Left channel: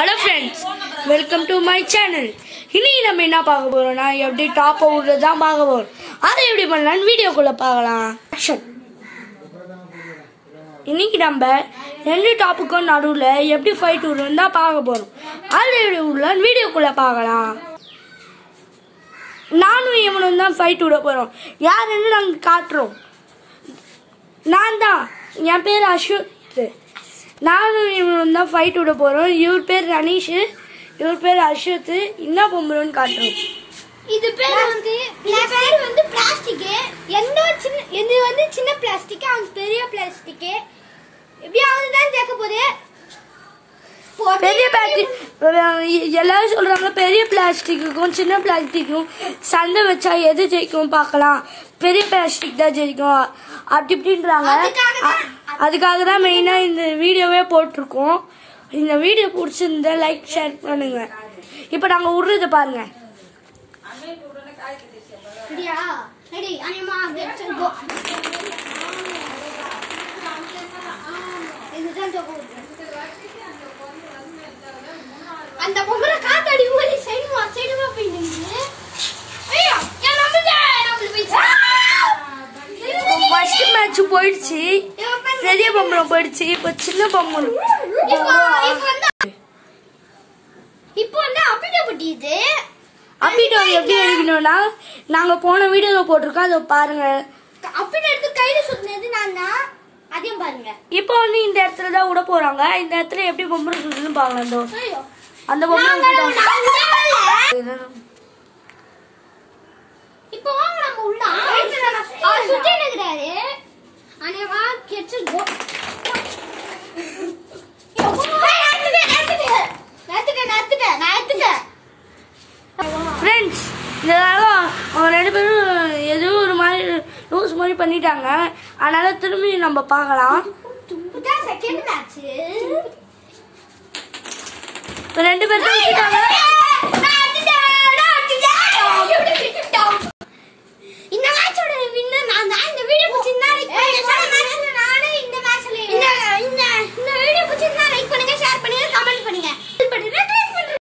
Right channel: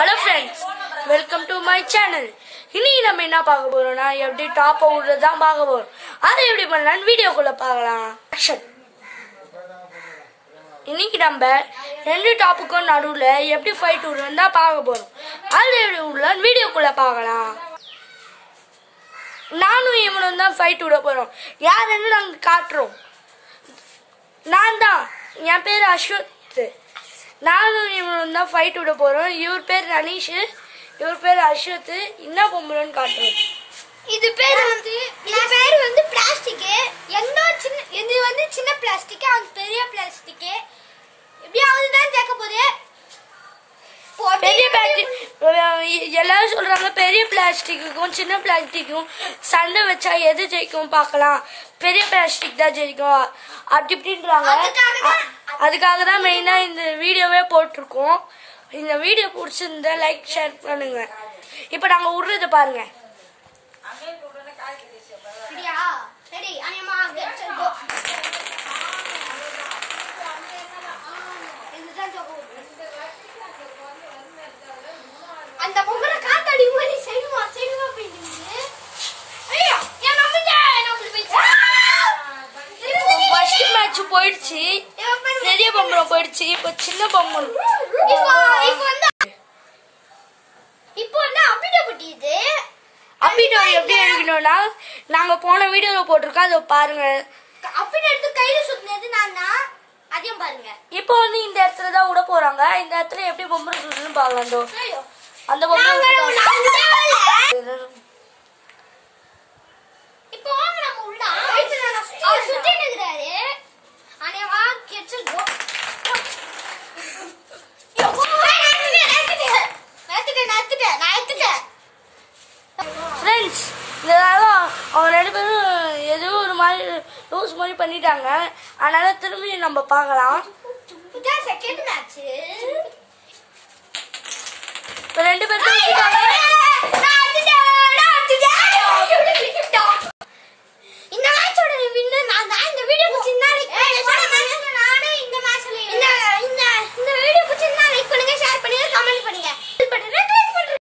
Hello friends, welcome to my channel. இன்னைக்கு நம்ம என்ன பார்க்க போறோம்னா எப்படி டாப் விடுறது தான் பார்க்க போறோம். அதை எப்படி பண்ணலாம்னு வீடியோக்குள்ள பார்க்கலாம். ஆக்ஷன். இன்னைக்கு நம்ம ரெண்டு டாப்புக்கும் நடுவுல எப்படி ஃபைட் விடுறதுன்னு தான் பார்க்க போறோம். அதை எப்படி விடலாம்னு வீடியோக்குள்ள பார்க்கலாம். நானும் இவனும் தான் ஃபைட் விட போறோம். யாருன்னு நாங்க காட்டுறோம். நான் தான், என் பேர் அஸ்வத். நானும் இவனும் தான் ஃபைட் விட போறோம். இவர் பேர் ரனீஷ், இவர் பேர் அஸ்வத். என்ன பொம்பளைன்னு காட்டுறோம். இது பேர் வந்து பிளாஸ்டிக். எந்த வந்து சின்ன பிளாஸ்டிக், அது பெரிய பிளாஸ்டிக். எப்படியாவது தான் ஜெயிக்க போகுது. பெரிய பிளாஸ்டிக் எல்லாரும் சொல்றாங்க, பெரிய பிளாஸ்டிக்கும் சின்ன பிளாஸ்டிக்கும் சண்டை வச்சா எது ஜெயிக்கும் பார்க்கலாம். பெரிய பிளாஸ்டிக் தான் ஜெயிக்கும் அப்படி இப்படின்றாங்க. அதுக்காக தான் மெயினா இந்த வீடியோவே போட்டிருக்கோம். இந்த வீடியோ பிடிச்சிருந்தா லைக் ஷேர் பண்ணுங்க. இப்ப நாங்க விடுறத பாருங்க. அந்த பொம்பளை காத்தாடி மாதிரி சைடுமா போயிட்டு ஃபர்ஸ்ட் மேட்ச் போயிடுச்சு, பெரிய பொம்பளை போயிடுச்சு. இப்ப சின்ன பொம்பளை இப்போ வந்து அப்பிடப்பட்டியது. அப்பிடோ எப்படி எடுக்கணும்னா நாங்க போன வீடியோல போட்டிருக்கோம், அதை பாருங்க. அப்பிட எடுத்து கையில சுத்தினது நான் தான், அதையும் பாருங்க. இப்போ வந்து இந்த இடத்துல தான் விட போறாங்க. இந்த இடத்துல எப்படி பொம்பளை சுடுன்னு பாக்கலாம். அந்த பொம்பளை இப்போ வாங்க நம்ம உள்ள சுத்தி நிக்கிறாரு. அனேவா கிச்சன் கோ. ஃப்ரெண்ட்ஸ், இதனால அவங்க ரெண்டு பேரும் ஏதோ ஒரு மாதிரி லூஸ் மாதிரி பண்ணிட்டாங்க. அதனால திரும்பி நம்ம பார்க்கலாம். செகண்ட் மேட்ச் ரெண்டு பேரும் விட்டுட்டாங்க.